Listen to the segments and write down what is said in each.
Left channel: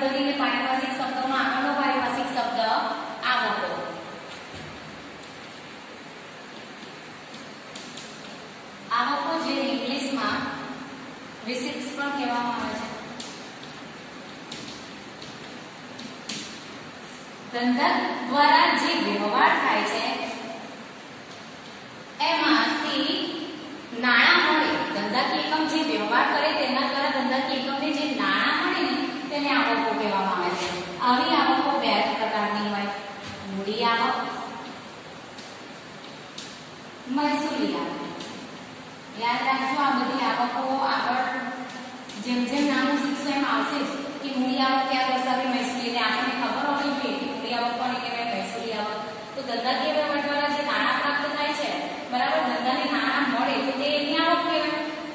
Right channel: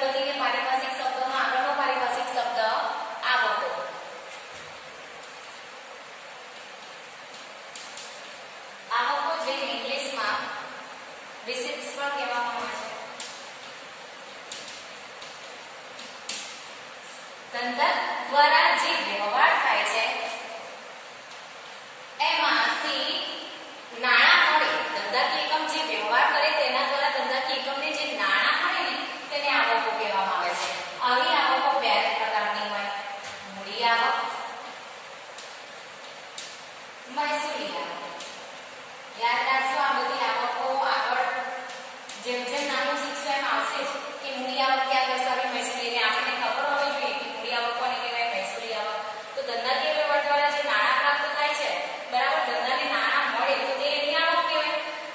પદ્ધતિ કે પારિભાષિક શબ્દોમાં આગળનો પારિભાષિક શબ્દ આવકો. આવકો જે ઇંગ્લિશમાં રિસીપ્ટ્સ પણ કહેવામાં આવે છે. ધંધા દ્વારા જે વ્યવહાર થાય છે એમાંથી નાણાં મળે. ધંધાકીય એકમ જે વ્યવહાર કરે તેના દ્વારા ધંધાકીય એકમને જે નાણાં મળે તેને આવકો કહેવામાં આવે છે. આવી આવકો બે પ્રકારની હોય: મૂડી આવક, મહેસૂલી આવક. યાદ રાખજો, આ બધી આવકો આગળ જેમ જેમ નાનું શીખશો એમ આવશે જ કે મૂડી આવક ક્યાં દર્શાવી, મહેસૂલી. આપણને ખબર હોવી જોઈએ કે મૂડી આવક કોને કહેવાય, મહેસૂલી આવક. તો ધંધાકીય વ્યવહાર દ્વારા જે નાણાં પ્રાપ્ત થાય છે, બરાબર, ધંધાને નાણાં મળે તો તે એની આવક કહેવાય.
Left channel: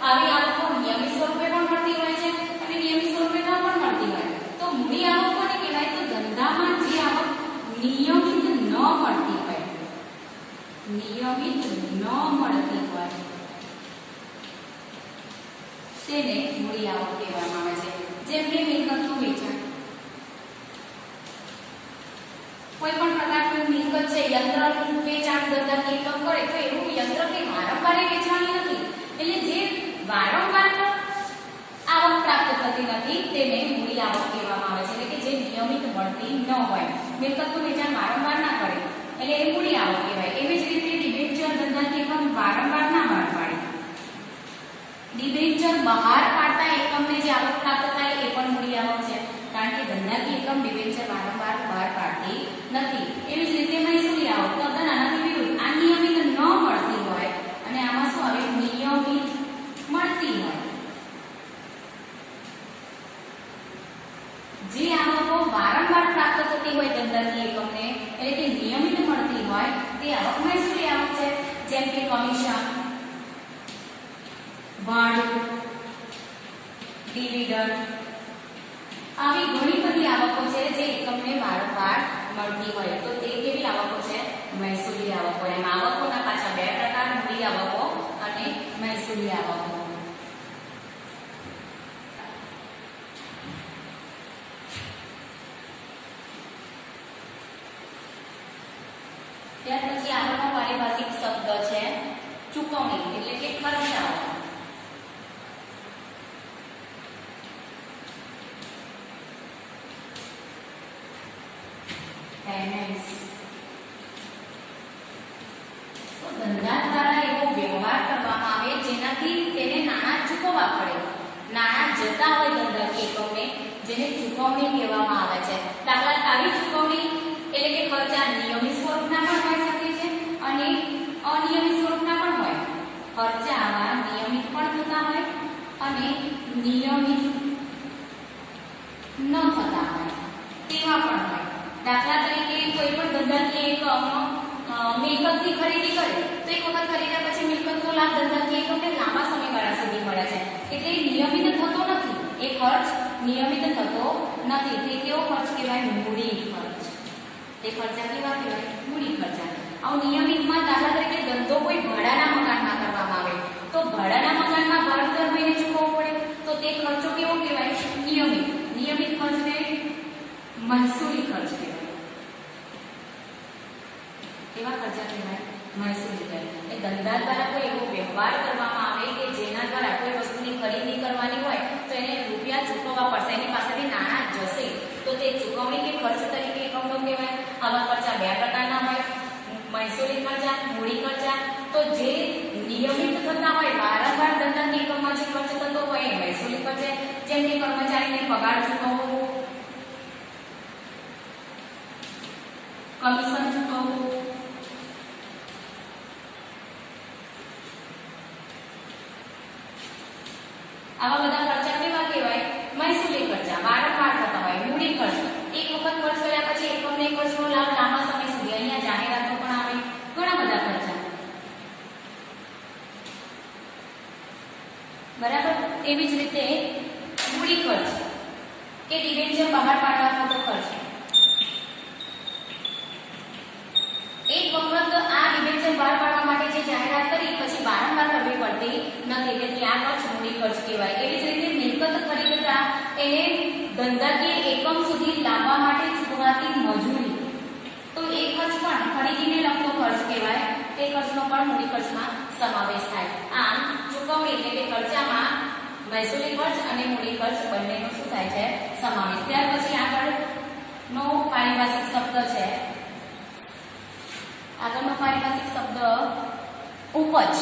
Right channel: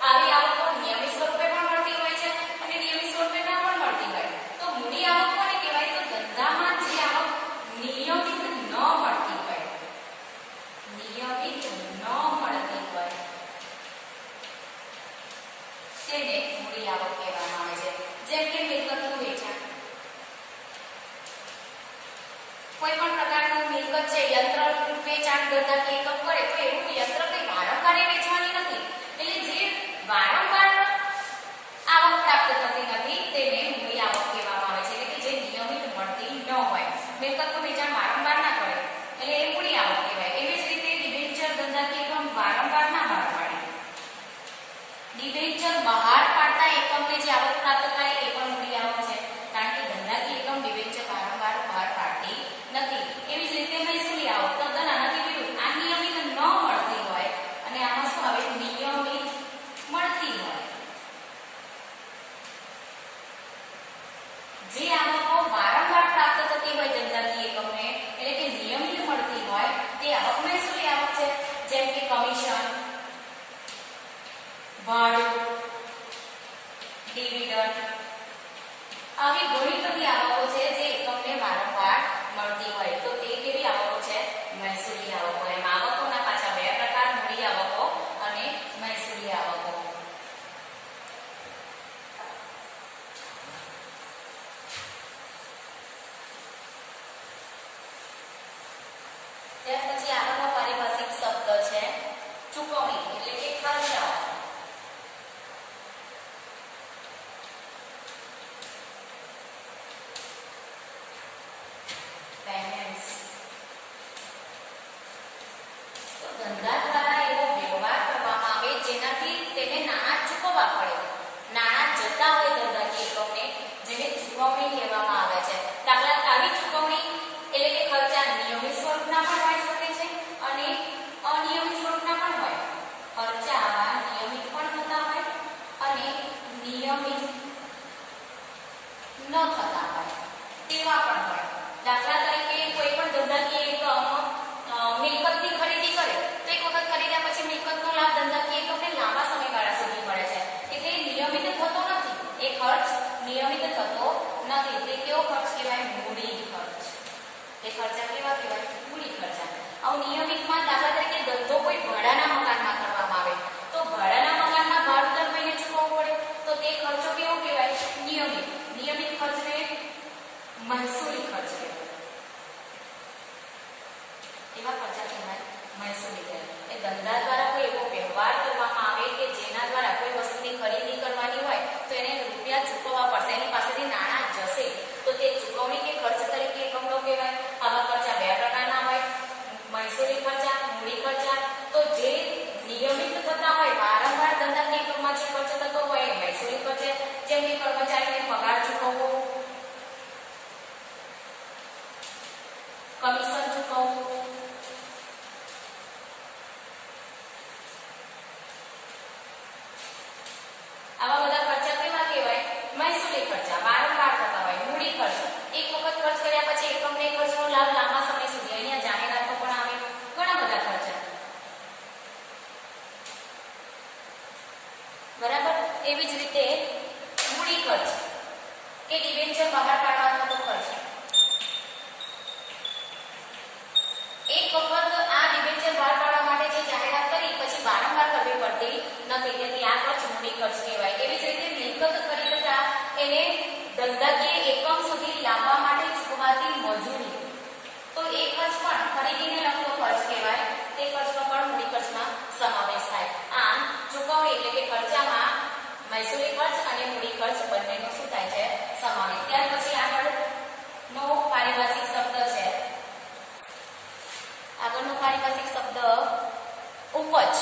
આવી આવકો નિયમિત સ્વરૂપે પણ મળતી હોય છે અને નિયમિત સ્વરૂપે ન પણ મળતી હોય. તો મૂડી આવક કોને કહેવાય? તો ધંધામાં જે આવક નિયમિત ન મળતી હોય, નિયમિત ન મળતી હોય તેને મૂડી આવક કહેવામાં આવે છે. જેમ કે મિલકતનું વેચાણ. કોઈ પણ પ્રકારનું મિલકત છે, યંત્રનું વેચાણ ધંધાકીય એકમ કરે તો એવું યંત્ર કંઈ વારંવાર વેચવાની નથી. એટલે જે વારંવાર આવક પ્રાપ્ત થતી નથી તેને મૂડી આવક કહેવામાં આવે છે. એટલે કે જે નિયમિત મળતી ન હોય, મિલકતનું વેચાણ વારંવાર ના કરે એટલે એ મૂડી આવક કહેવાય. એવી જ રીતે ડિબેન્ચર ધંધાકીય એકમ વારંવાર ના બહાર પાડે. ડિબેન્ચર બહાર પાડતા એકમને જે આવક પ્રાપ્ત થાય એ પણ મૂડી આવક છે, કારણ કે ધંધાકીય એકમ ડિબેન્ચર વારંવાર બહાર પાડતી નથી. એવી જ રીતે મહેસૂલી આવક તદ્દન આનાથી વિરુદ્ધ. આ નિયમિત ન મળતી હોય અને આમાં શું આવે? નિયમિત મળતી હોય. જે આવકો વારંવાર પ્રાપ્ત થતી હોય ધંધાકીય એકમને, એટલે કે નિયમિત મળતી હોય, તે આવક મહેસૂલી આવક છે. જેમ કે કમિશન, ભાડું, ડિવિડન્ડ. આવી ઘણી બધી આવકો છે જે એકમને વારંવાર મળતી હોય તો તે કેવી આવકો છે? મહેસૂલી આવકો. એમ આવકોના પાછા બે પ્રકાર: મૂડી આવકો અને મહેસૂલી આવકો. ત્યાર પછી આગળનો પારિભાષિક શબ્દ છે ચૂકવણી, એટલે કે ખર્ચાઓ. પેમેન્ટ્સ. તો ધંધા દ્વારા એવો વ્યવહાર કરવામાં આવે જેનાથી તેને નાણાં ચૂકવવા પડે. નાણાં જતા હોય ધંધાકીય એકમને, જેને ચૂકવણી કહેવામાં આવે છે. દાખલા આવી ચૂકવણી એટલે કે ખર્ચા નિયમિત સ્વરૂપના પણ હોઈ શકે છે અને અનિયમિત સ્વરૂપના પણ હોય. ખર્ચા આવા નિયમિત પણ થતા હોય અને નિયમિત ન થતા હોય તેવા પણ હોય. દાખલા તરીકે કોઈ પણ ધંધાકીય એકમ મિલકતની ખરીદી કરે તો એક વખત ખરીદ્યા પછી મિલકતનો લાભ ધંધાકીય એકમને લાંબા સમયગાળા સુધી મળે છે. એટલે એ નિયમિત થતો નથી, એ ખર્ચ નિયમિત થતો નથી. તે કેવો ખર્ચ કહેવાય? મૂડી ખર્ચ. તે ખર્ચા કેવા કહેવાય? મૂડી ખર્ચા. આવું નિયમિતમાં દાખલા તરીકે ધંધો કોઈ ભાડાના મકાનમાં કરવામાં આવે તો ભાડાના મકાનમાં ભાડું દર મહિને ચૂકવવું પડે તો તે ખર્ચો કેવો કહેવાય? નિયમિત. નિયમિત ખર્ચને મહેસૂલી ખર્ચ કહેવાય. કેવા ખર્ચા કહેવાય? મહેસૂલી ખર્ચ. એ ધંધા દ્વારા કોઈ એવો વ્યવહાર કરવામાં આવે કે જેના દ્વારા કોઈ વસ્તુની ખરીદી કરવાની હોય તો એને રૂપિયા ચૂકવવા પડશે, એની પાસેથી નાણાં જશે તો તે ચૂકવણી કે ખર્ચ તરીકે એકમનો કહેવાય. આવા ખર્ચા બે પ્રકારના હોય: મહેસૂલી ખર્ચા, મૂડી ખર્ચા. તો જે નિયમિત થતા હોય, વારંવાર ધંધાકીય એકમમાં જે ખર્ચ થતો હોય એ મહેસૂલી ખર્ચ છે. જેમ કે કર્મચારીને પગાર ચૂકવવો, કમિશન ચૂકવવું, આવા બધા ખર્ચા કેવા કહેવાય? મહેસૂલી ખર્ચા. વારંવાર થતા હોય. મૂડી ખર્ચ એક વખત ખર્ચ કર્યા પછી એકમને એક ખર્ચનો લાભ લાંબા સમય સુધી. અહીંયા જાહેરાતો પણ આવે, ઘણા બધા ખર્ચા. બરાબર. એવી જ રીતે મૂડી ખર્ચ કે ડિબેન્ચર બહાર પાડવા થતો ખર્ચ. એક વખત આ ડિબેન્ચર બહાર પાડવા માટે જે જાહેરાત કરી પછી વારંવાર કરવી પડતી નથી, તેથી આ ખર્ચ મૂડી ખર્ચ કહેવાય. એવી જ રીતે મિલકત ખરીદતા એને ધંધાકીય એકમ સુધી લાવવા માટે ચૂકવાતી મજૂરી, તો એ ખર્ચ પણ ખરીદીને લગતો ખર્ચ કહેવાય. તે ખર્ચનો પણ મૂડી ખર્ચમાં સમાવેશ થાય. આમ ચૂકવણી એટલે કે ખર્ચામાં મહેસૂલી ખર્ચ અને મૂડી ખર્ચ બંનેનો શું થાય છે? સમાવેશ. ત્યાર પછી આગળનો પારિભાષિક શબ્દ છે, આગળનો પારિભાષિક શબ્દ ઉપજ.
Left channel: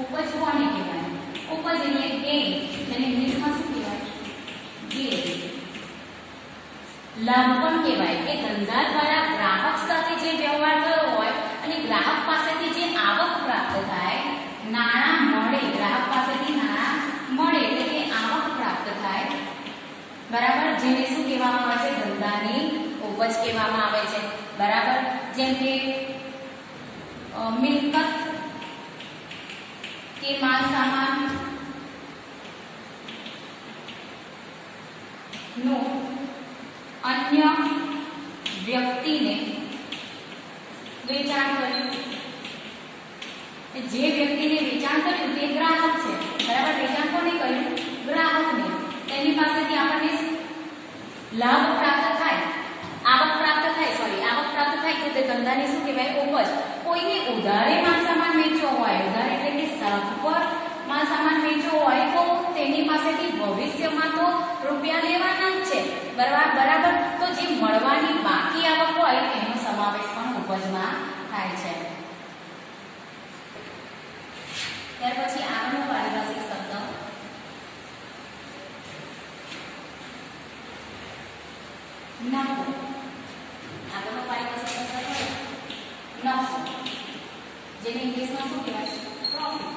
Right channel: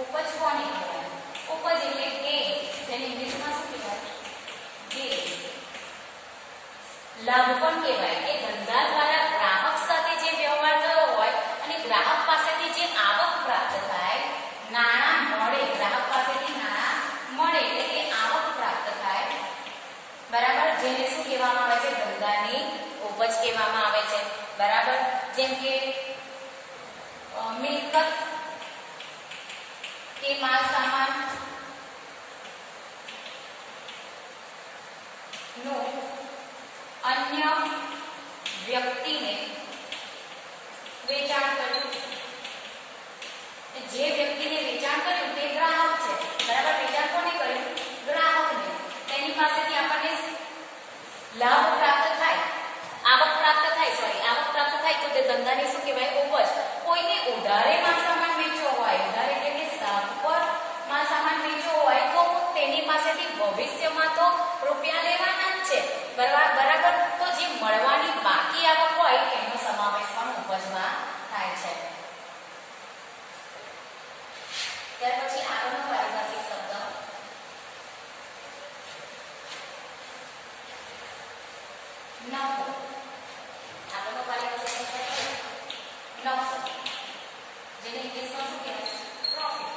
ઉપજ કોને કહેવાય? ઉપજ એટલે ગેઇન, જેને ઇંગ્લિશમાં શું કહેવાય? ગેઇન. લાભ પણ કહેવાય કે ધંધા દ્વારા ગ્રાહક સાથે જે વ્યવહાર થયો હોય અને ગ્રાહક પાસેથી જે આવક પ્રાપ્ત થાય, નાણાં મળે, ગ્રાહક પાસેથી નાણાં મળે એટલે કે આવક પ્રાપ્ત થાય, બરાબર, જેને શું કહેવામાં આવે છે? ધંધાની ઉપજ કહેવામાં આવે છે. બરાબર. જેમ કે મિલકત કે માલ સામાન નું અન્ય વ્યક્તિને વેચાણ કર્યું. જે વ્યક્તિને વેચાણ કર્યું તે ગ્રાહક છે, બરાબર. વેચાણ કોને કર્યું? ગ્રાહકને. તેની પાસેથી આપણને લાભ પ્રાપ્ત થાય, આવક પ્રાપ્ત થાય, તો તે ધંધાને શું કહેવાય? ઉપજ. કોઈને ઉધારે માલ સામાન વેચવો હોય, ઉધાર એટલે કે સાખ પર માલ સામાન વેચવો હોય તો તેની પાસેથી ભવિષ્યમાં તો રૂપિયા લેવાના જ છે, બરાબર. તો જે મળવાની બાકી આવક હોય એનો સમાવેશ પણ ઉપજમાં થાય છે. ત્યાર પછી આગળનો પારિભાષિક શબ્દ નફો. આગળનો પારિભાષિક શબ્દ નફો, જેને ઇંગ્લિશમાં શું કહેવાય? પ્રોફિટ.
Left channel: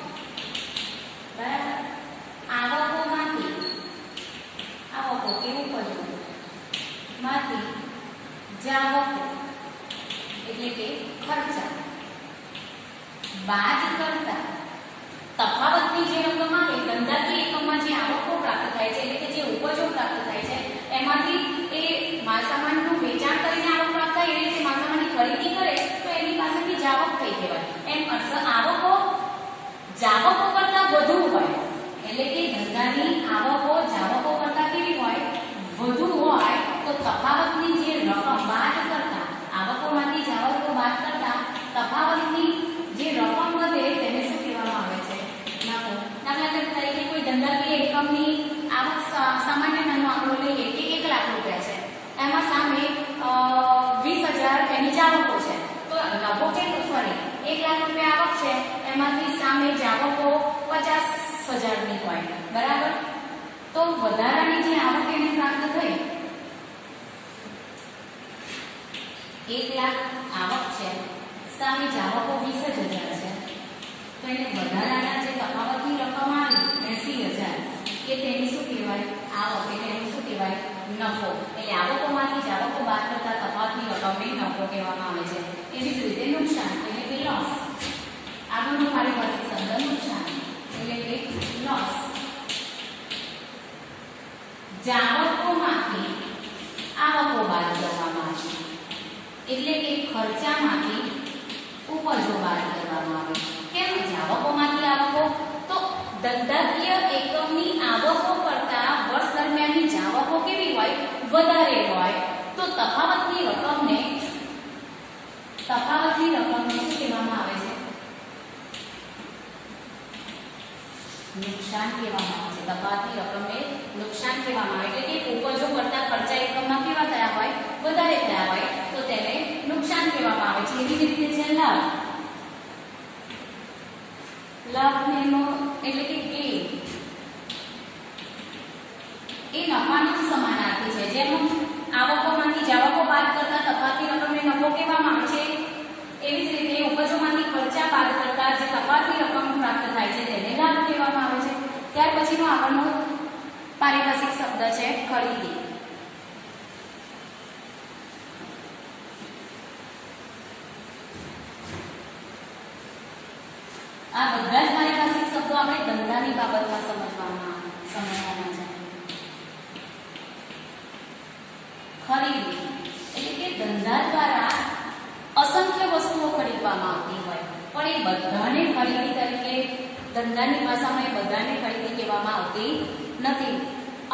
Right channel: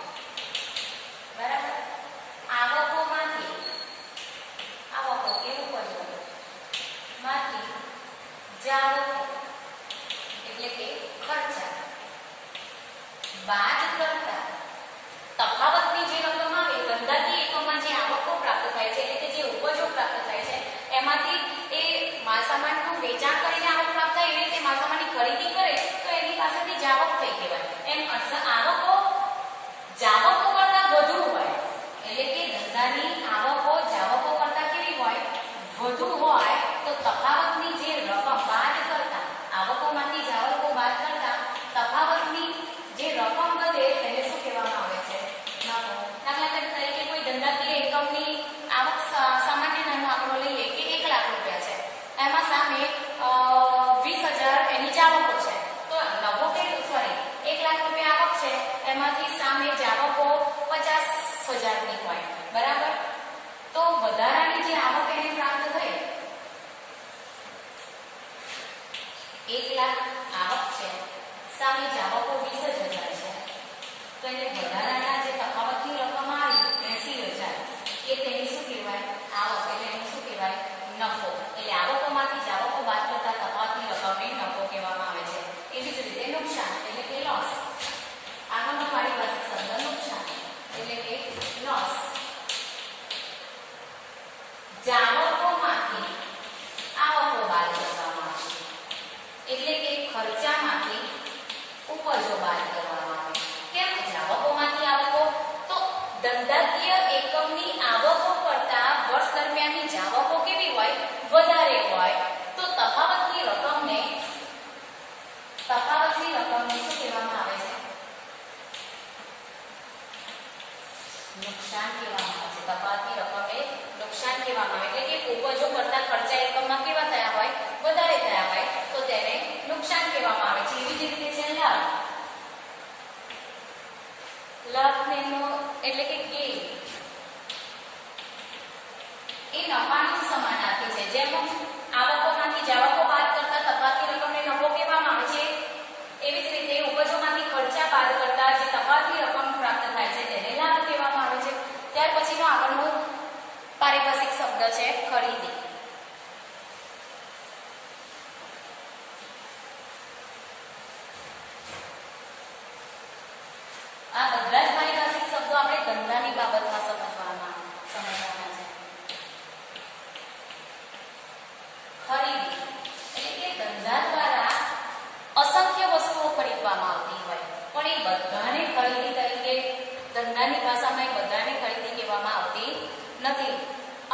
બરાબર. આવકોમાંથી, આવકો કે ઉપજો માંથી જાવકો એટલે કે ખર્ચા બાદ કરતા તફાવતની જે રકમ આવે, ધંધાકીય એકમમાં જે આવકો પ્રાપ્ત થાય છે એટલે કે જે ઉપજો પ્રાપ્ત થાય છે એમાંથી એ માલસામાનનું વેચાણ કરીને આવક પ્રાપ્ત થાય, એવી રીતે માલસામાનની ખરીદી કરે તો એની પાસેથી જાવક થઈ કહેવાય. એમ આવકો જાવકો કરતા વધુ હોય એટલે કે ધંધાની આવકો જાવકો કરતા કેવી હોય? વધુ હોય. તો તફાવતની જે રકમ બાદ કરતા, આવકોમાંથી જાવકો બાદ કરતા તફાવતની જે રકમ વધે તેને શું કહેવામાં આવે છે? નફો. દાખલા તરીકે કોઈ ધંધાકીય એકમની આવક સામાન્ય નાનો આંકડો લઈએ કે 1 લાખ રૂપિયા છે, એમાં સામે 20,000 એની જાવકો છે, તો નફો કેટલો? સોરી, 1 લાખ રૂપિયા આવક છે, એમાંથી સામે જાવકો 50,000ની હોય, બરાબર. તો વધારાની જે આવક એની પ્રાપ્ત થઈ, 1 લાખ આવક છે, સામે જાવકો 20,000 છે, તો એને વધારાના જે તફાવતની રકમ આવી 80,000 એ તેની શું કહેવાય? આવક. એટલે એનું શું કહેવાય? નફો. એટલે આવકોમાંથી જાવકો બાદ કરતા તફાવતની રકમને નફો કહેવામાં આવે છે. એવી જ રીતે નુકસાન એટલે કે લોસ. આગળનો પારિભાષિક શબ્દ નુકસાન એટલે કે લોસ. જાવકોમાંથી આવકો બાદ કરવામાં આવે એટલે કે ખર્ચામાંથી ઉપજો બાદ કરવામાં આવે. કેમ જાવકોમાંથી આવકો? તો ધંધાકીય એકમની આવકો કરતા વર્ષ દરમિયાનની જાવકો કેવી હોય? વધારે હોય. તો તફાવતની રકમને શું કહેવામાં આવે છે? નુકસાન કહેવામાં આવે છે. તફાવતની રકમને નુકસાન કહેવામાં આવે એટલે કે ઉપજો કરતા ખર્ચા એકમમાં કેવા થયા હોય? વધારે થયા હોય, તો તેને નુકસાન કહેવામાં આવે છે. એવી જ રીતે છે લાભ. લાભનો એટલે કે ગેઇન એ નફાનો જ સમાનાર્થી છે. જેમ આવકોમાંથી જાવકો બાદ કરતા તફાવતની રકમને નફો કહેવામાં આવે છે, એવી જ રીતે ઉપજોમાંથી ખર્ચા બાદ કરતા જે તફાવતની રકમ પ્રાપ્ત થાય છે તેને લાભ કહેવામાં આવે છે. ત્યાર પછીનો આગળનો પારિભાષિક શબ્દ છે ખરીદી. આ બધા જ પારિભાષિક શબ્દો આપણે ધંધાની બાબતમાં સમજવાના છે. ખરીદી એટલે કે ધંધા દ્વારા અસંખ્ય વસ્તુઓ ખરીદવામાં આવતી હોય, પણ એ બધાને ખરીદી તરીકે ધંધાની ભાષામાં એ બધાને ખરીદી કહેવામાં આવતી નથી.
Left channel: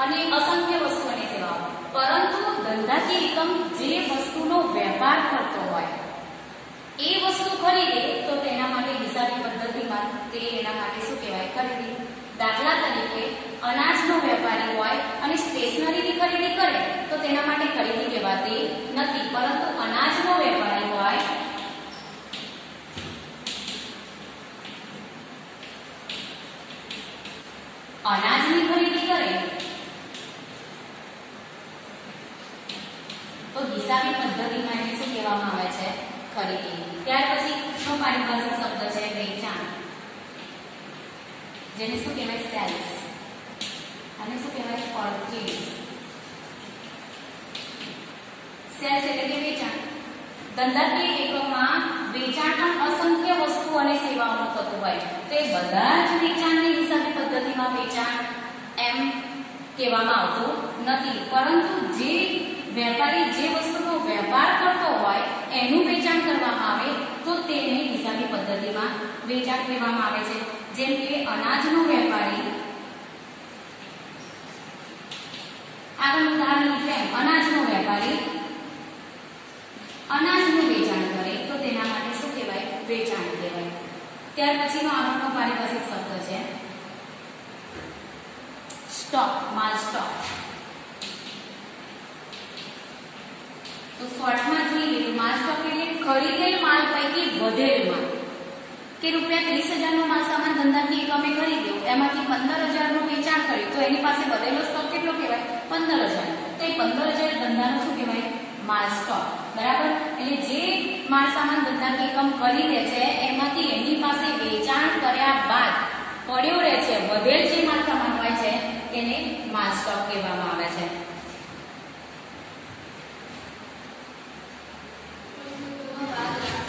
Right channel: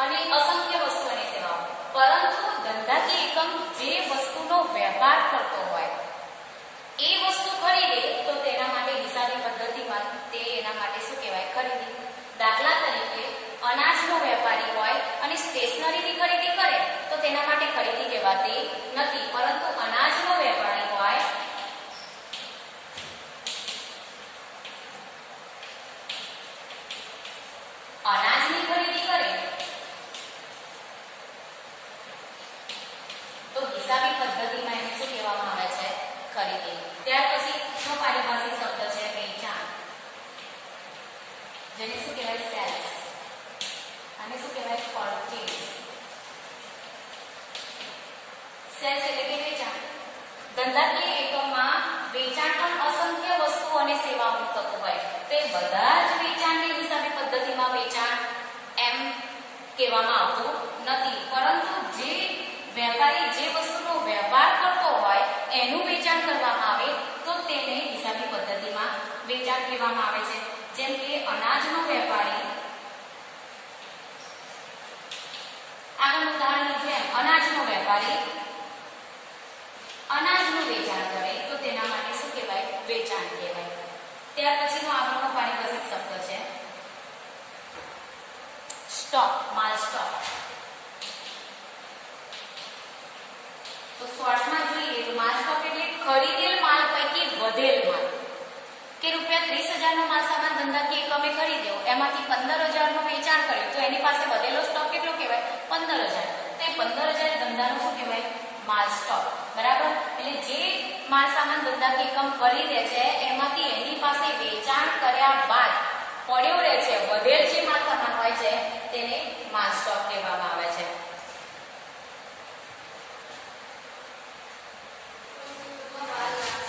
અને અસંખ્ય વસ્તુ અને સેવાઓ. પરંતુ ધંધાકીય એકમ જે વસ્તુનો વેપાર કરતો હોય એ વસ્તુ ખરીદે તો તેના માટે હિસાબી પદ્ધતિમાં તે એના માટે શું કહેવાય? ખરીદી. દાખલા તરીકે અનાજનો વેપારી હોય અને સ્ટેશનરીની ખરીદી કરે તો તેના માટે ખરીદી કહેવાતી નથી. પરંતુ અનાજનો વેપારી હોય અનાજની ખરીદી કરે તો હિસાબી પદ્ધતિમાં એને શું કહેવામાં આવે છે? ખરીદી. ત્યાર પછી શું પારિભાષિક શબ્દ છે? વેચાણ. જેને શું કહેવાય? સેલ્સ. અને શું કહેવાય? પરચેઝ. સેલ્સ એટલે કે વેચાણ. ધંધાકીય એકમમાં વેચાણ પણ અસંખ્ય વસ્તુ અને સેવાઓનું થતું હોય તો એ બધા જ વેચાણને હિસાબી પદ્ધતિમાં વેચાણ એમ કહેવામાં આવતું નથી. પરંતુ જે વેપારી જે વસ્તુનો વેપાર કરતો હોય એનું વેચાણ કરવામાં આવે તો તેને હિસાબી પદ્ધતિમાં વેચાણ કહેવામાં આવે છે. જેમ કે અનાજનો વેપારી આગળ ઉદાહરણ છે અનાજનો વેપારી અનાજનું વેચાણ કરે તો તેના માટે શું કહેવાય? વેચાણ કહેવાય. ત્યાર પછીનો આગળનો પારિભાષિક શબ્દ છે સ્ટોક. માલ સ્ટોક. તો શોર્ટમાં જોઈએ તો માલ સ્ટોક એટલે ખરીદેલ માલ પૈકી વધેલ માલ કે રૂપિયા 30,000 નો માલ સામાન ધંધાકીય એકમે ખરીદ્યો એમાંથી 15,000 નું વેચાણ કર્યું તો એની પાસે વધેલો સ્ટોક કેટલો કહેવાય? 15,000. તો એ 15,000 ધંધાનો શું કહેવાય? માલ સ્ટોક. બરાબર. એટલે જે માલ સામાન ધંધાકીય એકમ ખરીદે છે એમાંથી એની પાસે વેચાણ કર્યા બાદ પડ્યો રહે છે વધેલ જે માલ સામાન હોય છે તેને માલ સ્ટોક કહેવામાં આવે છે.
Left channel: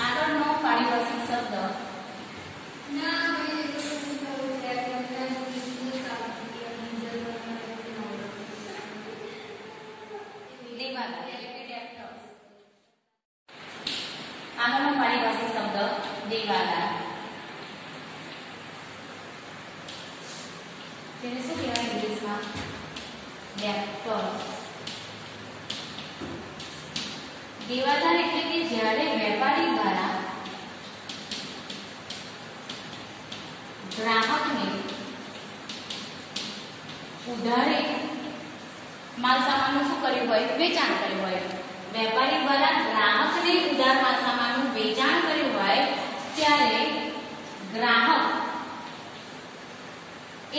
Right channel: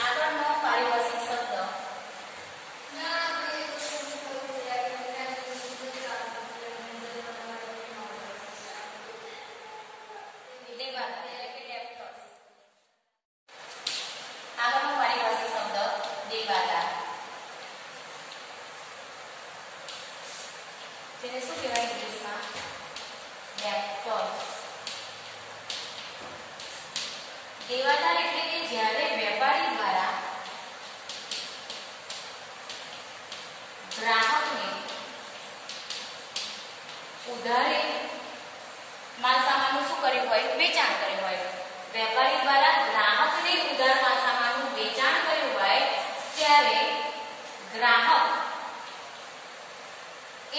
આગળનો પારિભાષિક શબ્દ દેવાદાર એટલે કે ડેપ્ટર્સ. આગળનો પારિભાષિક શબ્દ દેવાદાર. જેને શું કહેવાય ઇંગ્લિશમાં? ડેપ્ટર્સ. દેવાદાર એટલે કે જ્યારે વેપારી દ્વારા ગ્રાહકને ઉધારે માલ સામાનનું શું કર્યું હોય? વેચાણ કર્યું હોય. વેપારી દ્વારા ગ્રાહકને ઉધાર માલ સામાનનું વેચાણ કર્યું હોય ત્યારે ગ્રાહક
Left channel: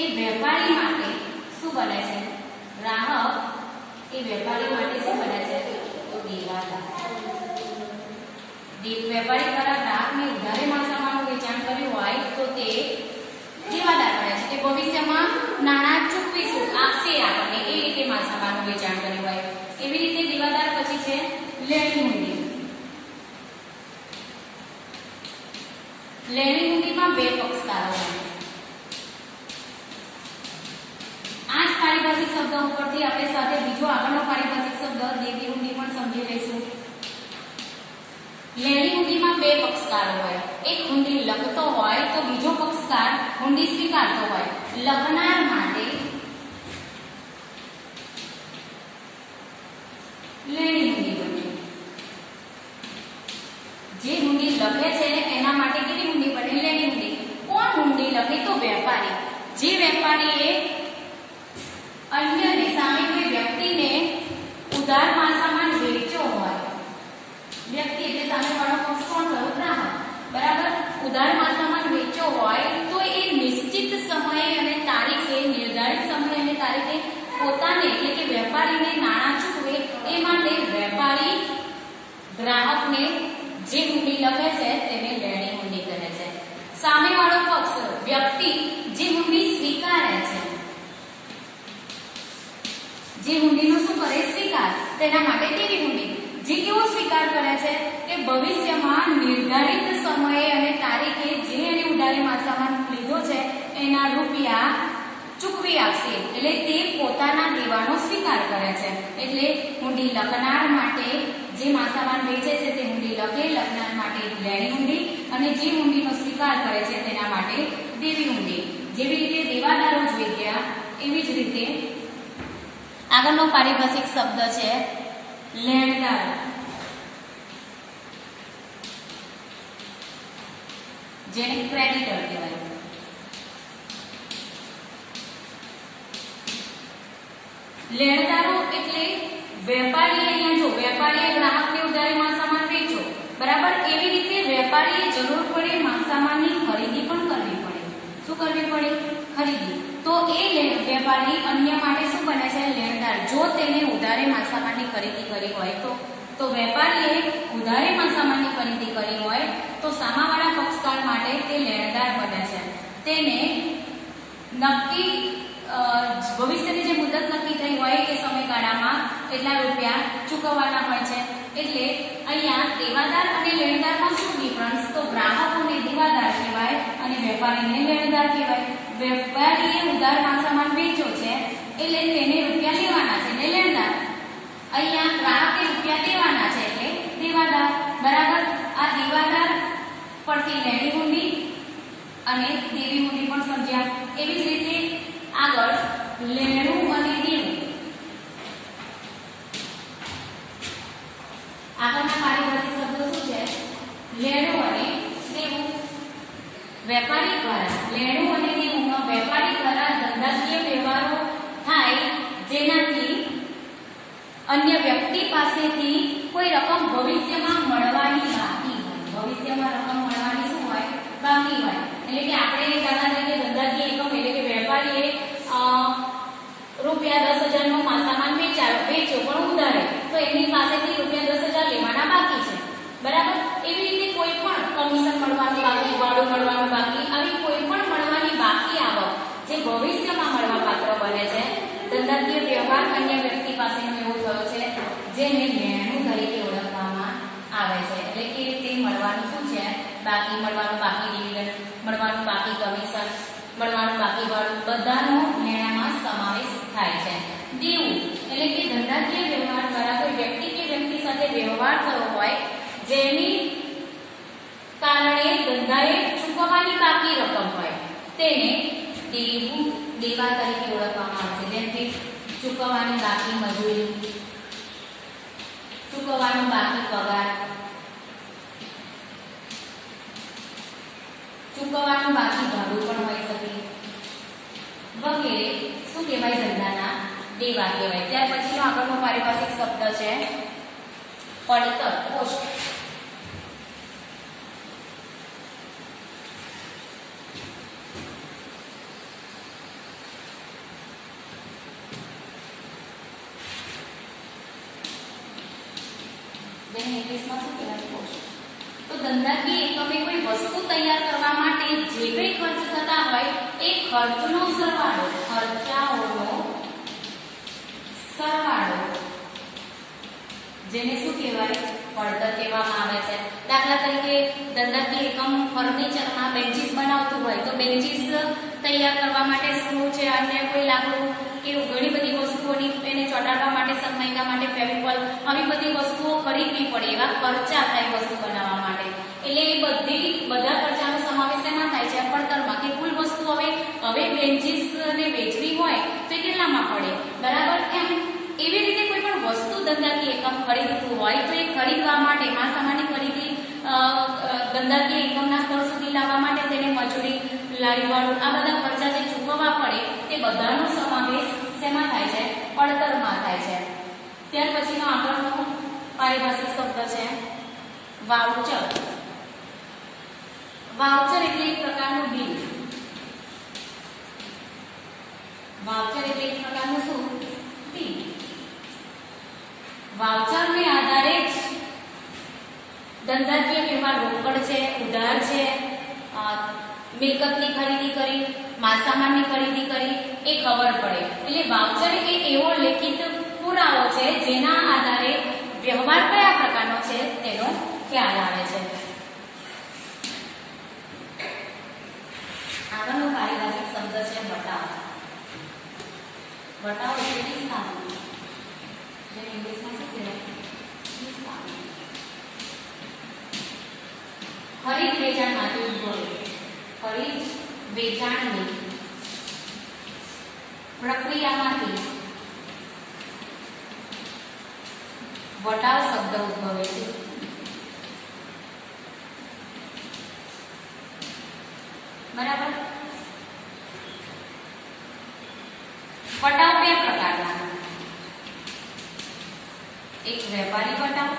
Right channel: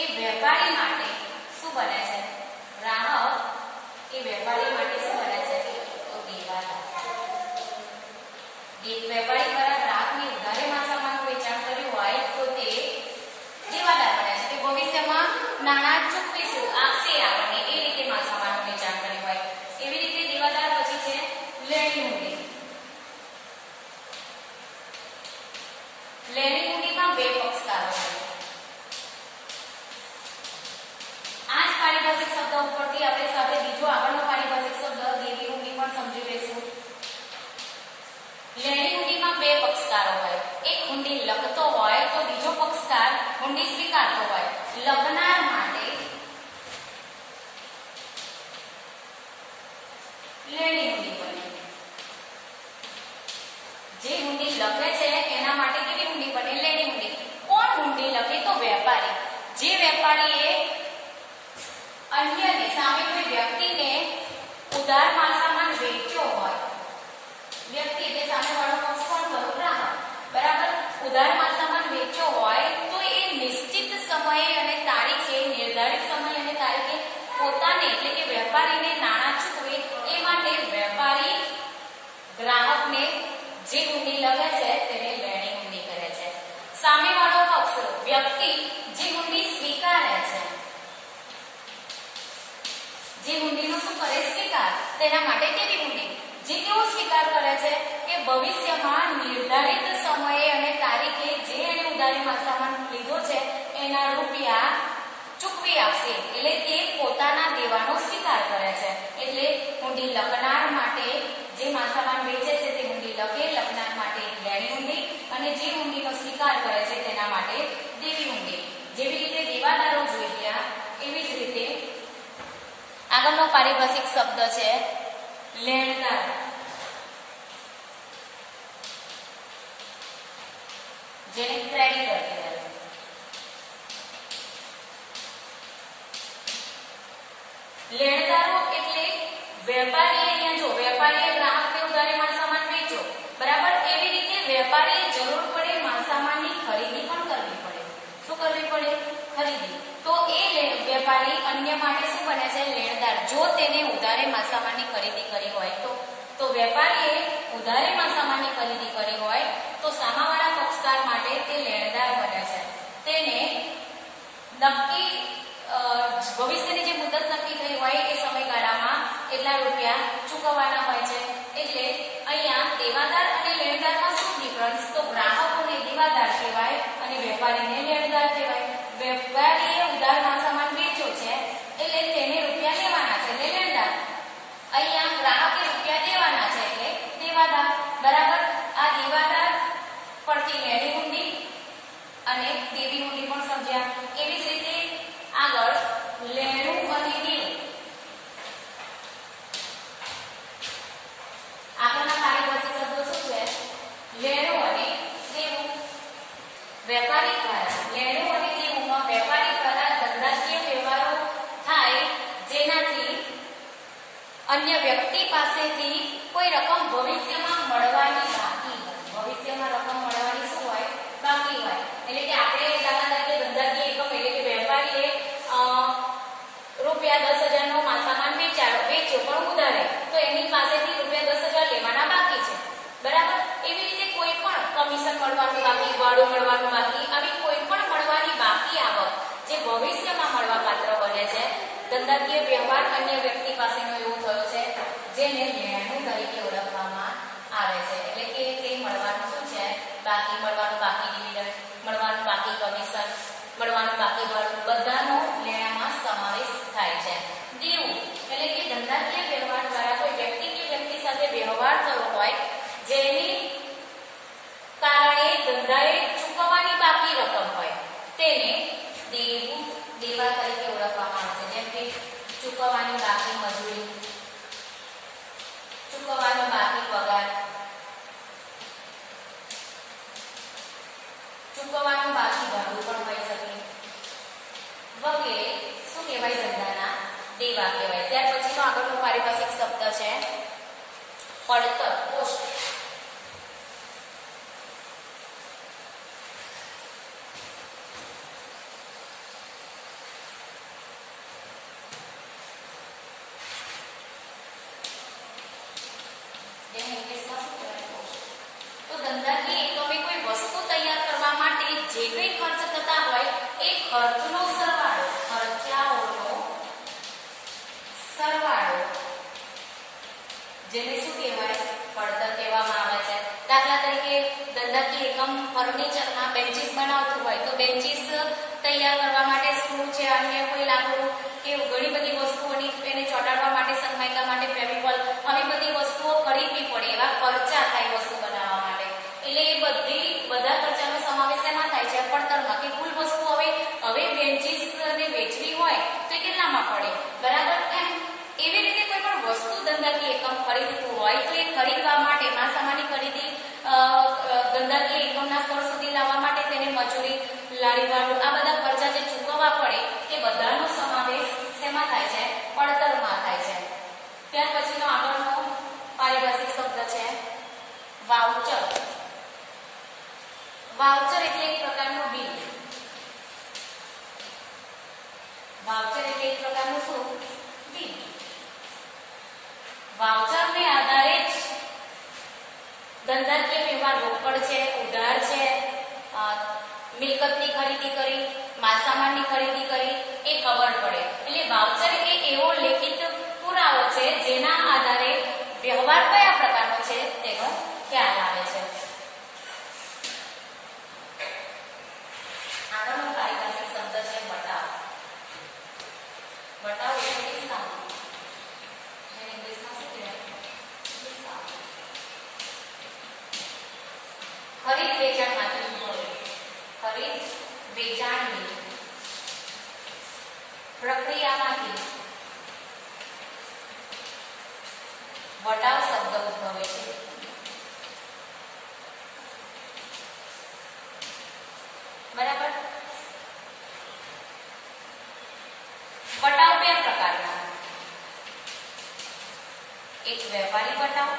એ વેપારી માટે શું બને છે? ગ્રાહક એ વેપારી માટે શું બને છે? તો દેવાદાર. વેપારી દ્વારા ગ્રાહકને ઉધારે માલ સામાનનું વેચાણ કર્યું હોય તો તે દેવાદાર બને છે. તે ભવિષ્યમાં નાણાં ચૂકવીશું આપશે આપણને એ રીતે માલ સામાનનું વેચાણ કર્યું હોય. એવી રીતે દેવાદાર પછી છે લેણી હુંડી. લેણી હુંડીમાં બે પક્ષકારો હોય. આ જ પારિભાષિક શબ્દ ઉપરથી આપણે સાથે બીજો આગળનો પારિભાષિક શબ્દ દેવી હુંડી પણ સમજી લઈશું. લેણી હુંડીમાં બે પક્ષકારો હોય. એક હુંડી લખતો હોય તો બીજો પક્ષકાર હુંડી સ્વીકારતો હોય. લખનાર માટે લેણી હુંડી બને. જે હુંડી લખે છે એના માટે કેવી હુંડી બને? લેણી હુંડી. કોણ હુંડી લખે? તો વેપારી. જે વેપારીએ અન્યને સામે કોઈ વ્યક્તિને ઉધાર માલ સામાન વેચ્યો હોય, વ્યક્તિ એટલે સામે વાળો પક્ષ કોણ થયો? ગ્રાહક. બરાબર. ઉધાર માલ સામાન વેચ્યો હોય તો એ નિશ્ચિત સમયે અને તારીખે નિર્ધારિત સમય અને તારીખે પોતાને એટલે કે વેપારીને નાણાં ચૂકવે એ માટે વેપારી ગ્રાહકને જે હુંડી લખે છે તેને લેણી હુંડી કહે છે. સામે વાળો પક્ષ વ્યક્તિ જે હુંડી સ્વીકારે છે, જે હુંડીનો શું કરે? સ્વીકાર. તેના માટે કેવી હુંડી? જે કેવો સ્વીકાર કરે છે કે ભવિષ્યમાં નિર્ધારિત સમયે અને તારીખે જે એને ઉધારે માલ સામાન લીધો છે એના રૂપિયા ચૂકવી આપશે. એટલે તે પોતાના દેવાનો સ્વીકાર કરે છે. એટલે હુંડી લખનાર માટે જે માલ સામાન વેચે છે તે હુંડી લખે, લખનાર માટે લેણી હુંડી, અને જે હુંડીનો સ્વીકાર કરે છે તેના માટે દેવી હુંડી. જેવી રીતે દેવાદારો જોઈ ગયા એવી જ રીતે આગળનો પારિભાષિક શબ્દ છે લેણદાર. જેને ક્રેડિટર કહેવાય. લેણદારો એટલે વેપારીએ અહીંયા જો વેપારીએ ગ્રાહકને ઉધારી માલસામાન વેચો, બરાબર, એવી રીતે વેપારીએ જરૂર પડે માલસામાનની ખરીદી પણ કરવી પડે. શું કરવી પડે? ખરીદી. તો એ વેપારી અન્ય માટે શું બને છે? લેણદાર. જો તેને ઉધારે માલસામાનની ખરીદી કરી હોય તો વેપારીએ ઉધારે માલસામાનની ખરીદી કરી હોય તો સામાવાળા પક્ષકાર માટે તે લેણદાર બને છે. તેને નક્કી ભવિષ્યની જે મુદત નક્કી થઈ હોય એ સમયગાળામાં એટલા રૂપિયા ચૂકવવાના હોય છે. એટલે અહીંયા દેવાદાર અને લેણદારમાં શું ડિફરન્સ? તો ગ્રાહકોને દેવાદાર કહેવાય અને વેપારીને લેણદાર કહેવાય. વેપારીએ ઉધાર માલસામાન વેચ્યો છે એટલે તેને રૂપિયા લેવાના છે એટલે લેણદાર. અહીંયા ગ્રાહકે રૂપિયા દેવાના છે એટલે દેવાદાર. બરાબર. આ દેવાદાર પરથી લેણી હુંડી અને દેવી હુંડી પણ સમજ્યા. એવી જ રીતે આગળ લેણું અને દેવું. આગળના પારિભાષિક શબ્દો શું છે? લેણું અને દેવું. વેપારી દ્વારા લેણું અને દેવું વેપારી દ્વારા ધંધાકીય વ્યવહારો થાય જેનાથી અન્ય વ્યક્તિ પાસેથી કોઈ રકમ ભવિષ્યમાં મળવાની બાકી હોય. ભવિષ્યમાં રકમ મળવાની શું હોય? બાકી હોય. એટલે કે આપણે દાખલા તરીકે ધંધાકીય એકમ એટલે કે વેપારીએ રૂપિયા 10,000 નો માલસામાન વેચ્યો પણ ઉધારે, તો એની પાસેથી રૂપિયા 10,000 લેવાના બાકી છે. બરાબર. એવી રીતે કોઈ પણ કમિશન મળવાનું બાકી, ભાડું મળવાનું બાકી, આવી કોઈ પણ મળવાની બાકી આવક જે ભવિષ્યમાં મળવા પાત્ર બને છે, ધંધાકીય વ્યવહાર અન્ય વ્યક્તિ પાસેનો એવો થયો છે જેને લેણું તરીકે ઓળખવામાં આવે છે. એટલે કે તે મળવાનું શું છે? બાકી. મળવાનું બાકી ડિવિડન્ડ, મળવાનું બાકી કમિશન, મળવાનું બાકી ભાડું, બધાનો લેણામાં સમાવેશ થાય છે. દેવું એટલે કે ધંધાકીય વ્યવહાર દ્વારા કોઈ વ્યક્તિ કે વ્યક્તિ સાથે વ્યવહાર થયો હોય જેની કારણે ધંધાએ ચૂકવવાની બાકી રકમ હોય તેને દેવું દેવા તરીકે ઓળખવામાં આવે છે. જેમ કે ચૂકવવાની બાકી મજૂરી, ચૂકવવાનો બાકી પગાર, ચૂકવવાનું બાકી ભાડું પણ હોઈ શકે વગેરે. શું કહેવાય? ધંધાના દેવા કહેવાય. ત્યાર પછીનો આગળનો પારિભાષિક શબ્દ છે પડતર, કોસ્ટ. ઇંગ્લિશમાં શું કહેવાય? કોસ્ટ. તો ધંધાકીય એકમે કોઈ વસ્તુ તૈયાર કરવા માટે જે કંઈ ખર્ચ થતા હોય એ ખર્ચનો સરવાળો, ખર્ચાઓનો સરવાળો, જેને શું કહેવાય? પડતર કહેવામાં આવે છે. દાખલા તરીકે ધંધાકીય એકમ ફર્નિચરમાં બેન્ચીસ બનાવતું હોય તો બેન્ચીસ તૈયાર કરવા માટે સ્ક્રૂ છે, અન્ય કોઈ લાકડું કે ઘણી બધી વસ્તુઓની એને ચોંટાડવા માટે, સનમાઈકા માટે ફેવિકોલ, આવી બધી વસ્તુઓ ખરીદવી પડે. એવા ખર્ચા થાય વસ્તુ બનાવવા માટે. એટલે એ બધા ખર્ચાનો સમાવેશ એમાં થાય છે પડતરમાં. કે કુલ વસ્તુ હવે બેન્ચીસને વેચવી હોય તો કેટલામાં પડે? બરાબર. એવી રીતે કોઈ પણ વસ્તુ ધંધાકીય એકમ ખરીદતું હોય તો એ ખરીદવા માટે માલસામાનની ખરીદી ધંધાકીય એકમના સ્તર સુધી લાવવા માટે તેને મજૂરી, લારી ભાડું, આ બધા ખર્ચા જે ચૂકવવા પડે તે બધાનો સમાવેશ શેમાં થાય છે? પડતરમાં થાય છે. ત્યાર પછીનો આગળનો પારિભાષિક શબ્દ છે વાઉચર. વાઉચર એટલે એક પ્રકારનું બિલ. વાઉચર એટલે એક પ્રકારનું શું? બિલ. વાઉચરને આધારે જ ધંધાકીય વ્યવહાર રોકડ છે, ઉધાર છે, મિલકતની ખરીદી કરી, માલસામાનની ખરીદી કરી એ ખબર પડે. એટલે વાઉચર એ એવો લેખિત પુરાવો છે જેના આધારે વ્યવહાર કયા પ્રકારનો છે તેનો ખ્યાલ આવે છે. આગળનો પારિભાષિક શબ્દ છે બટાવ. બટાવ એટલે ડિસ્કાઉન્ટ. જે ઇંગ્લિશમાં શું કહેવાય? ડિસ્કાઉન્ટ. ખરીદ વેચાણમાંથી ઉદ્ભવે. ખરીદ વેચાણની પ્રક્રિયામાંથી વટાવ શબ્દ ઉદ્ભવે છે. બરાબર. વટાવ બે પ્રકારના, એક વેપારી વટાવ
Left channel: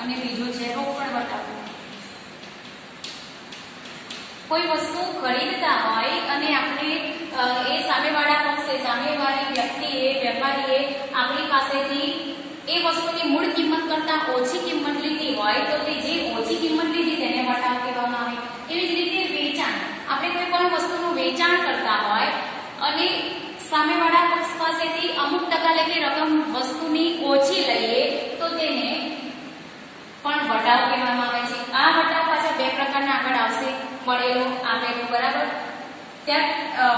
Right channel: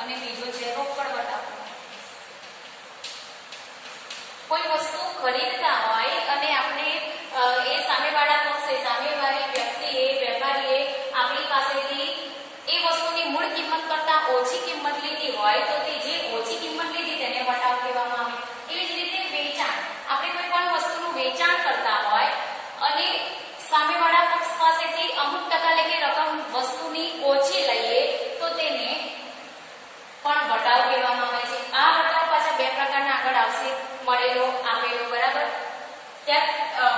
અને બીજો છે રોકડ વટાવ. કોઈ વસ્તુ ખરીદતા હોય અને આપણે એ સામેવાળા પક્ષે, સામેવાળી વ્યક્તિએ, વેપારીએ આપણી પાસેથી એ વસ્તુની મૂળ કિંમત કરતા ઓછી કિંમત લીધી હોય તો તે જે ઓછી કિંમત લીધી તેને વટાવ કહેવામાં આવે. એવી જ રીતે વેચાણ, આપણે કોઈ પણ વસ્તુનું વેચાણ કરતા હોય અને સામેવાળા પક્ષ પાસેથી અમુક ટકા લેખે રકમ વસ્તુની ઓછી લઈએ તો તેને પણ વટાવ કહેવામાં આવે છે. આ વટાવ પાછા બે પ્રકારના આગળ આવશે, મળેલો, આપેલો. બરાબર. ત્યાં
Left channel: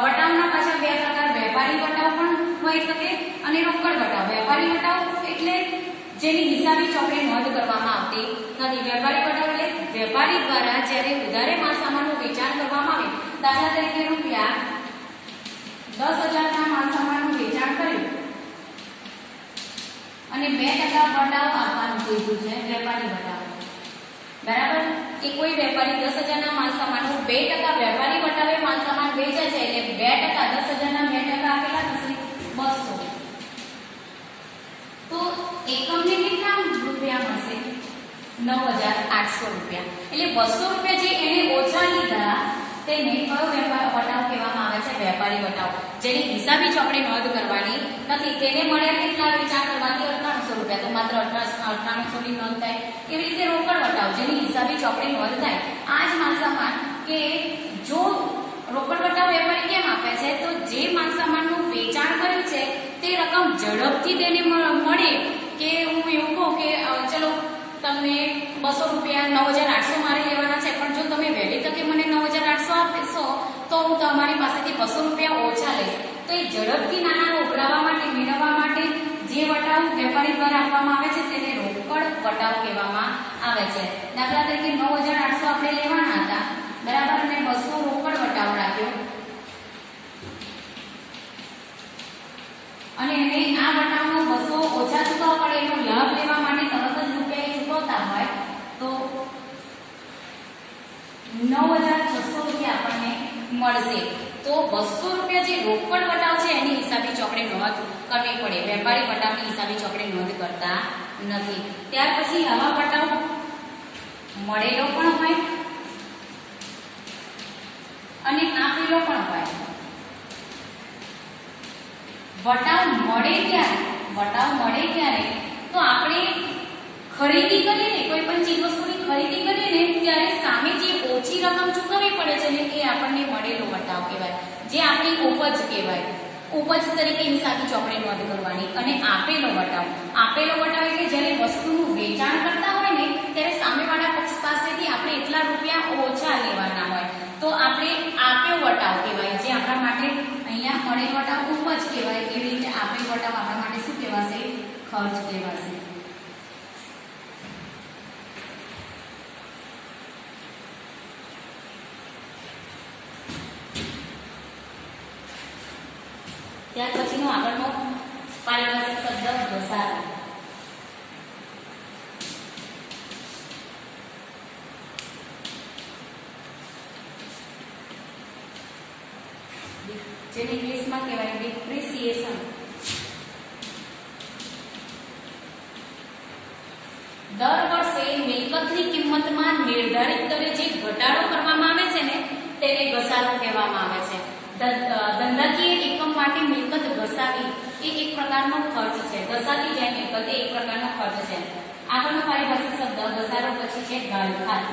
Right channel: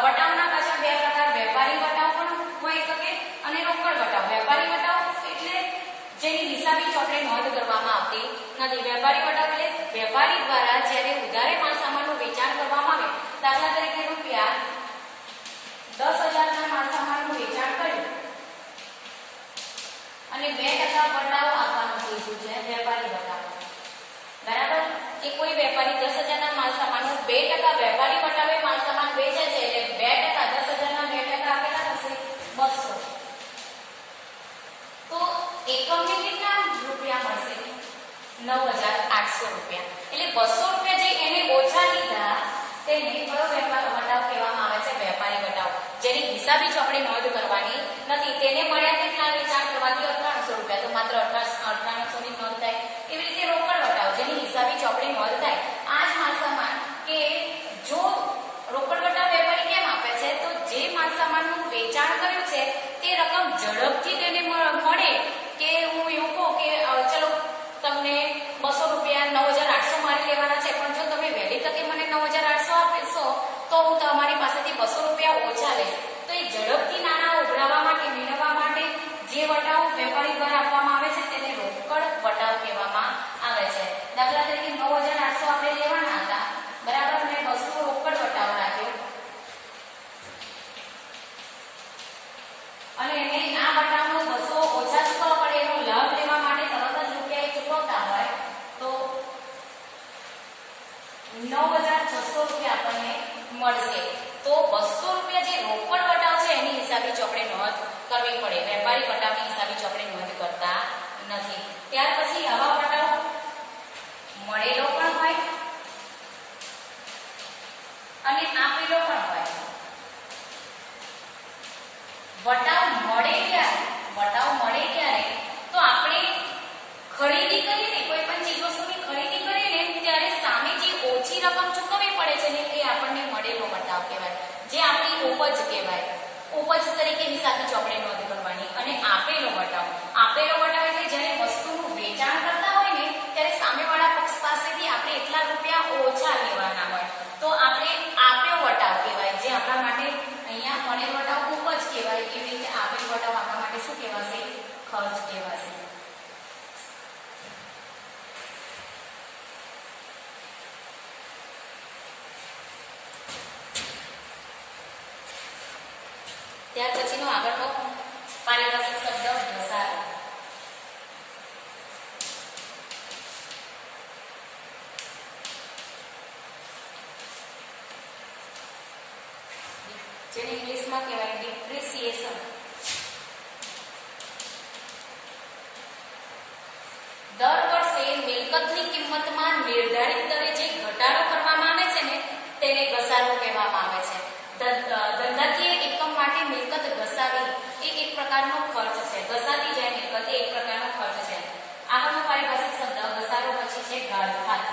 વટાવના પાછા બે પ્રકાર, વેપારી વટાવ પણ હોઈ શકે અને રોકડ વટાવ. વેપારી વટાવ એટલે જેની હિસાબી ચોપડે નોંધ કરવામાં આવતી નથી. વેપારી વટાવ એટલે વેપારી દ્વારા જ્યારે ઉધારે માલ સામાનનું વેચાણ કરવામાં આવે, દાખલા તરીકે રૂપિયા 10,000 ના માલ સામાનનું વેચાણ કર્યું અને 2% વટાવ આપવાનું કીધું છે, વેપારી વટાવ. બરાબર. કે કોઈ વેપારી 10,000 ના માલ સામાનનો 2% વેપારી વટાવે માલ સામાન વેચે છે એટલે 2%, 10,000 ના 2% આપેલા થશે 200. તો એકમને કેટલા રૂપિયા મળશે? 9,800 રૂપિયા. એટલે 200 રૂપિયા જે એને ઓછા લીધા તેને કયો વટાવ કહેવામાં આવે છે? વેપારી વટાવ. જેની હિસાબી ચોપડે નોંધ કરવાની નથી. તેને મળ્યા કેટલા વેચાણ કરવાથી? 1,800 રૂપિયા. તો માત્ર 1,800 ની નોંધ થાય. એવી રીતે રોકડ વટાવ, જેની હિસાબી ચોપડે નોંધ થાય. આ જ માલ સામાન કે જો રોકડ વટાવ વેપારી કેમ આપે છે? તો જે માલ સામાનનું વેચાણ કર્યું છે તે રકમ ઝડપથી તેને મળે. કે હું એવું કહું કે ચલો તમને 200 રૂપિયા 9,800 મારે લેવાના છે, પણ જો તમે વહેલી તકે મને 9,800 આપશો તો હું તમારી પાસેથી 200 રૂપિયા ઓછા લઈશ. તો એ ઝડપથી નાણાં ઉઘરાવવા માટે, મેળવવા માટે જે વટાવ વેપારી દ્વારા આપવામાં આવે છે તેને રોકડ વટાવ કહેવામાં આવે છે. દાખલા તરીકે 9,800 આપણે લેવાના હતા, બરાબર, અને 200 રોકડ વટાવ રાખ્યો અને એને આ વટાવનો 200 ઓછા ચૂકવવા પડે એનો લાભ લેવા માટે તરત જ રૂપિયા ચૂકવતા હોય તો 9,600 રૂપિયા આપણને મળશે. તો 200 રૂપિયા જે રોકડ વટાવ છે એની હિસાબી ચોપડે નોંધ કરવી પડે. વેપારી વટાવની હિસાબી ચોપડે નોંધ કરતા નથી. ત્યાર પછી આવા વટાવ મળેલો પણ હોય અને આપેલો પણ હોય. વટાવ મળે ક્યારે? વટાવ મળે ક્યારે? તો આપણે ખરીદી કરીને, કોઈ પણ ચીજ વસ્તુની ખરીદી કરીને ત્યારે સામે જે ઓછી રકમ ચૂકવવી પડે છે ને એ આપણને મળેલો વટાવ કહેવાય, જે આપણી ઉપજ કહેવાય. ઉપજ તરીકે હિસાબી ચોપડે નોંધ કરવાની. અને આપેલો વટાવ, આપેલો વટાવ એટલે જ્યારે વસ્તુનું વેચાણ કરતા હોય ને ત્યારે સામેવાળા પક્ષ પાસેથી આપણે એટલા રૂપિયા ઓછા લેવાના હોય તો આપણે આપ્યો વટાવ કહેવાય. જે આપણા માટે અહીંયા મળેલ વટાવ ઉપજ કહેવાય. એવી રીતે આપેલ વટાવ આપણા માટે શું કહેવાશે? ખર્ચ કહેવાશે. ત્યાર પછીનો આગળનો પારિભાષિક શબ્દ ઘસારો. જેને ઇંગ્લિશમાં કહેવાય ડિપ્રિસિએશન. દર વર્ષે મિલકતની કિંમતમાં નિર્ધારિત દરે જે ઘટાડો કરવામાં આવે છે ને તેને ઘસારો કહેવામાં આવે છે. ધંધાકીય એકમ માટે મિલકત ઘસાવી એ એક પ્રકારનો ખર્ચ છે. ઘસાતી જાય મિલકત એ એક પ્રકારનો ખર્ચ છે. આગળનો પારિભાષિક શબ્દ ઘસારો પછી છે ગાળખાત.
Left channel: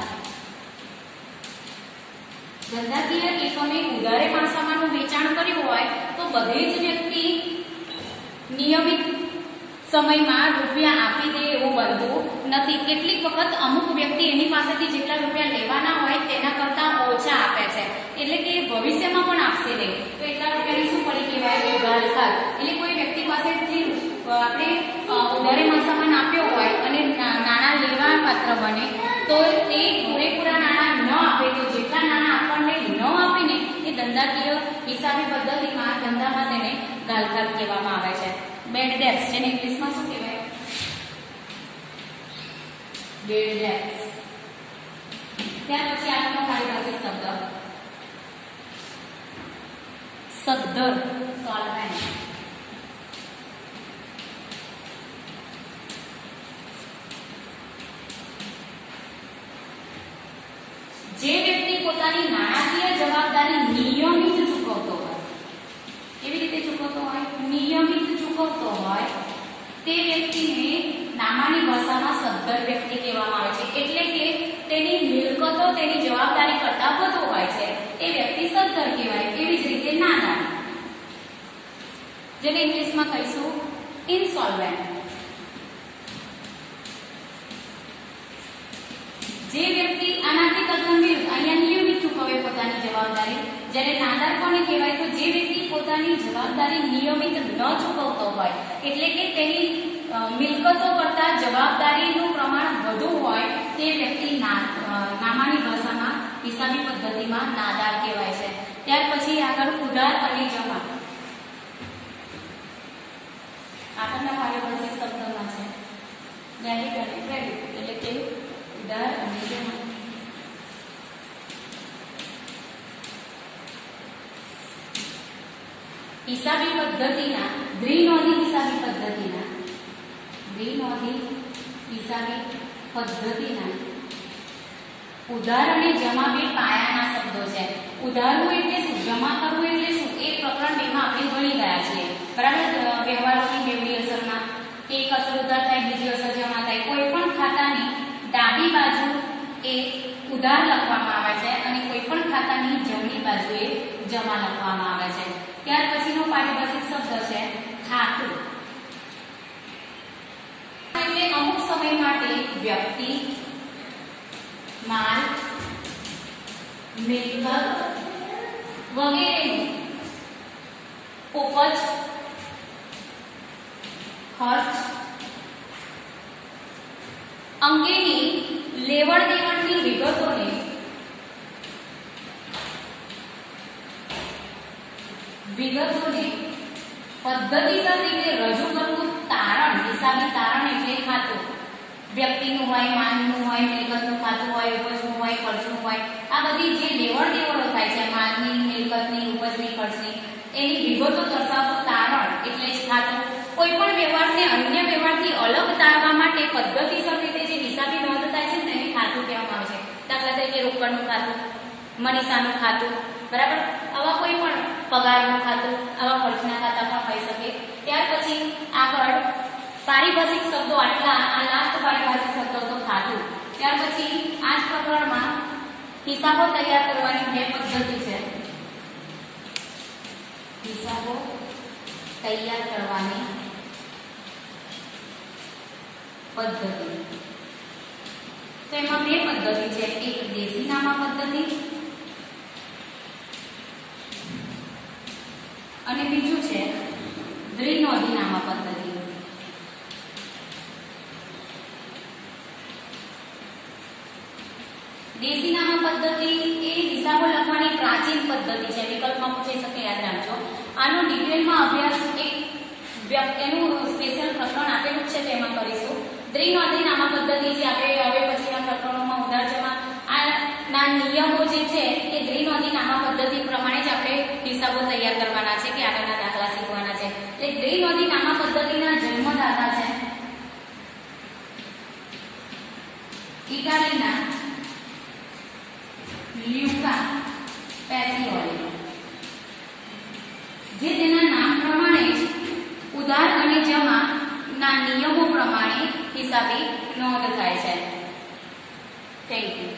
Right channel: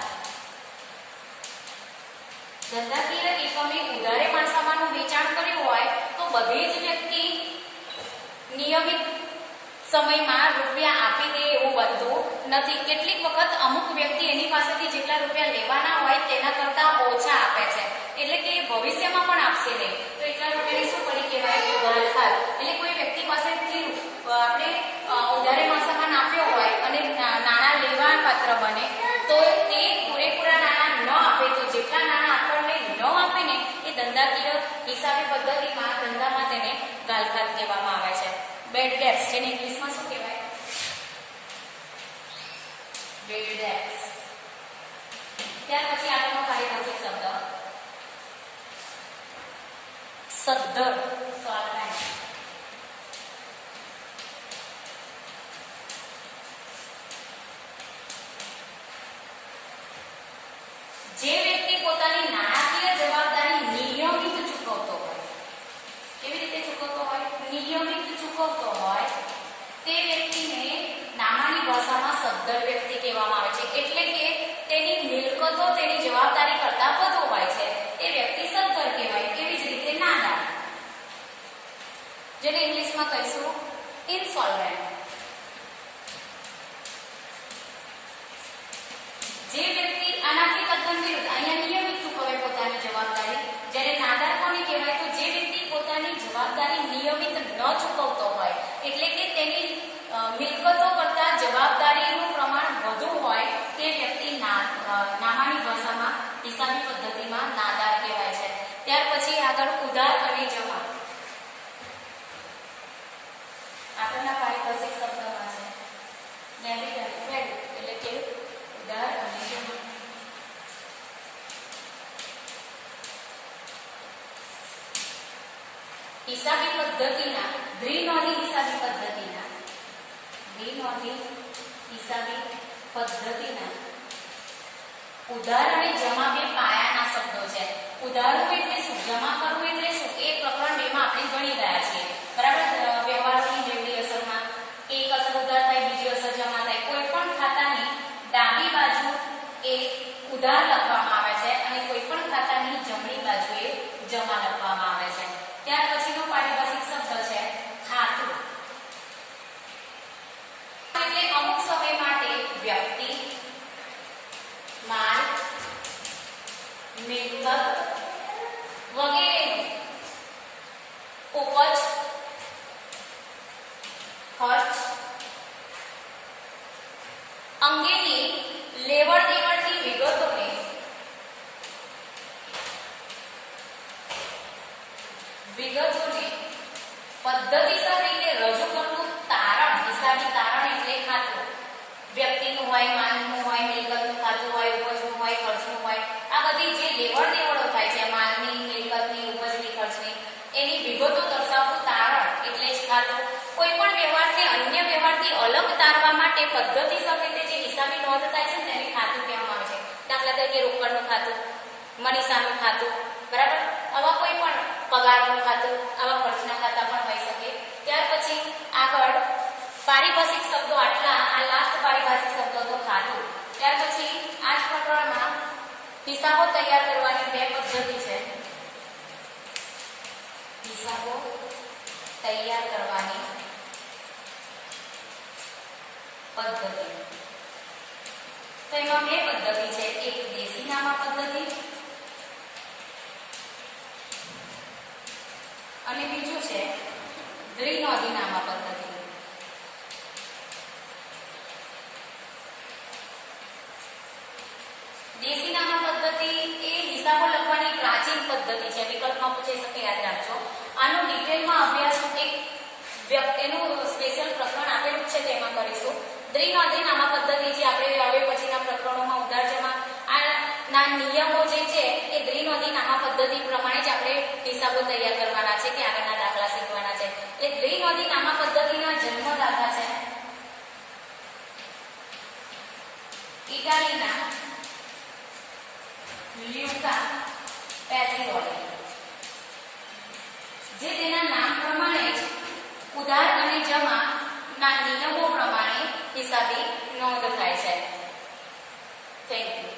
ધંધાકીય એકમે ઉધારે માલ સામાનનું વેચાણ કર્યું હોય તો બધી જ વ્યક્તિ નિયમિત સમયમાં રૂપિયા આપી દે એવું બનતું નથી. કેટલીક વખત અમુક વ્યક્તિ એની પાસેથી જેટલા રૂપિયા લેવાના હોય તેના કરતા ઓછા આપે છે, એટલે કે ભવિષ્યમાં પણ આપશે નહીં. તો એટલા રૂપિયાની શું પડી કહેવાય? ગાળખાત. એટલે કોઈ વ્યક્તિ પાસેથી આપણે ઉધારે માલ સામાન આપ્યો હોય અને નાણાં લેવા પાત્ર બને તો તે પૂરેપૂરા નાણાં ન આપે તો જેટલા નાણાં આપણને ન આપે ને એ ધંધાકીય હિસાબી પદ્ધતિમાં ધંધામાં તેને ગાળખાત કહેવામાં આવે છે. બેડ ડેટ્સ, જેને ઇંગ્લિશમાં શું કહેવાય? Bad debts. ત્યાર પછી આગળનો પારિભાષિક શબ્દ સદ્ધર, સોલ્વેન્ટ. જે વ્યક્તિ પોતાની નાણાકીય જવાબદારી નિયમિત ચૂકવતો હોય, કેવી રીતે ચૂકવતો હોય? નિયમિત ચૂકવતો હોય તે વ્યક્તિને નામાની ભાષામાં સદ્ધર વ્યક્તિ કહેવામાં આવે છે. એટલે કે તેની મિલકતો તેની જવાબદારી કરતા વધુ હોય છે, એ વ્યક્તિ સદ્ધર કહેવાય. એવી જ રીતે નાદાર, જેને ઇંગ્લિશમાં કહીશું ઇનસોલ્વેન્ટ. જે વ્યક્તિ આનાથી તદ્દન વિરુદ્ધ, અહીંયા નિયમિત ચૂકવે પોતાની જવાબદારી, જ્યારે નાદાર કોને કહેવાય? તો જે વ્યક્તિ પોતાની જવાબદારી નિયમિત ન ચૂકવતો હોય, એટલે કે તેની મિલકતો કરતા જવાબદારીનું પ્રમાણ વધુ હોય, તે વ્યક્તિ નામાની ભાષામાં હિસાબી પદ્ધતિમાં નાદાર કહેવાય છે. ત્યાર પછી આગળ ઉધાર અને જમા. આગળના પારિભાષિક શબ્દમાં છે ડેબિટ અને ક્રેડિટ, એટલે કે ઉધાર અને જમા. હિસાબી પદ્ધતિના દ્વિનોંધી હિસાબી પદ્ધતિના ઉધાર અને જમા બે પાયાના શબ્દો છે. ઉધારવું એટલે શું? જમા કરવું એટલે શું? એ પ્રકરણ 2 માં આપણે ભણી ગયા છીએ, બરાબર? વ્યવહારોની બેવડી અસરમાં એક અસર ઉધાર થાય, બીજી અસર જમા થાય. કોઈ પણ ખાતાની ડાબી બાજુ એ ઉધાર લખવામાં આવે છે અને કોઈ પણ ખાતાની જમણી બાજુએ જમા લખવામાં આવે છે. ત્યાર પછીનો પારિભાષિક શબ્દ છે ખાતું. એટલે અમુક સમય માટે વ્યક્તિ, માલ, મિલકત વગેરેનું ઉપજ, ખર્ચ અંગેની લેવડ દેવડની વિગતોને પદ્ધતિસર રીતે રજૂ કરવું તારણ. હિસાબી તારણ એટલે ખાતું. વ્યક્તિનું હોય, માલનું હોય, મિલકતનું ખાતું હોય, ઉપજનું હોય, ખર્ચનું હોય, આ બધી જે લેવડ દેવડો થાય છે માલની, મિલકતની, ઉપજની, ખર્ચની, એની વિગતો દર્શાવતું તારણ એટલે જ ખાતું. કોઈ પણ વ્યવહારને અન્ય વ્યવહારથી અલગ તારવા માટે પદ્ધતિસર રીતે જે હિસાબી નોંધ થાય છે તેને ખાતું કહેવામાં આવે છે. દાખલા તરીકે રોકડનું ખાતું, મનીષાનું ખાતું, બરાબર? આવા કોઈ પણ પગારનું ખાતું, આવા ખર્ચના ખાતા પણ હોઈ શકે. ત્યાર પછી આગળ પારિભાષિક શબ્દો આટલા, આ લાસ્ટ પારિભાષિક શબ્દો તો ખાતું. ત્યાર પછી આ જ પ્રકરણમાં હિસાબો તૈયાર કરવાની 2 પદ્ધતિ છે. હિસાબો તૈયાર કરવાની પદ્ધતિ. તો એમાં 2 પદ્ધતિ છે. એક દેશી નામા પદ્ધતિ અને બીજું છે દ્વિનોંધી નામા પદ્ધતિ. દેશી નામા પદ્ધતિ એ હિસાબો લખવાની પ્રાચીન પદ્ધતિ છે. વિકલ્પમાં પૂછાઈ શકે, યાદ રાખજો. આનો ડિટેલમાં અભ્યાસ એનું સ્પેશિયલ પ્રકરણ આપેલું છે તેમાં કરીશું. દ્વિનોંધી નામા પદ્ધતિ જે આપણે હવે પછીના પ્રકરણોમાં ઉધાર જમા ના નિયમો જે છે એ દ્વિનોંધી નામા પદ્ધતિ પ્રમાણે જ આપણે હિસાબો તૈયાર કરવાના છે કે આગળના દાખલા શીખવાના છે. એટલે દ્વિનોંધી નામા પદ્ધતિના જન્મદાતા છે ઇટાલીના લ્યુકા પેસિઓલી, જે તેના નામ પ્રમાણે જ ઉધાર અને જમા ના નિયમો પ્રમાણે હિસાબી નોંધ થાય છે. Thank you.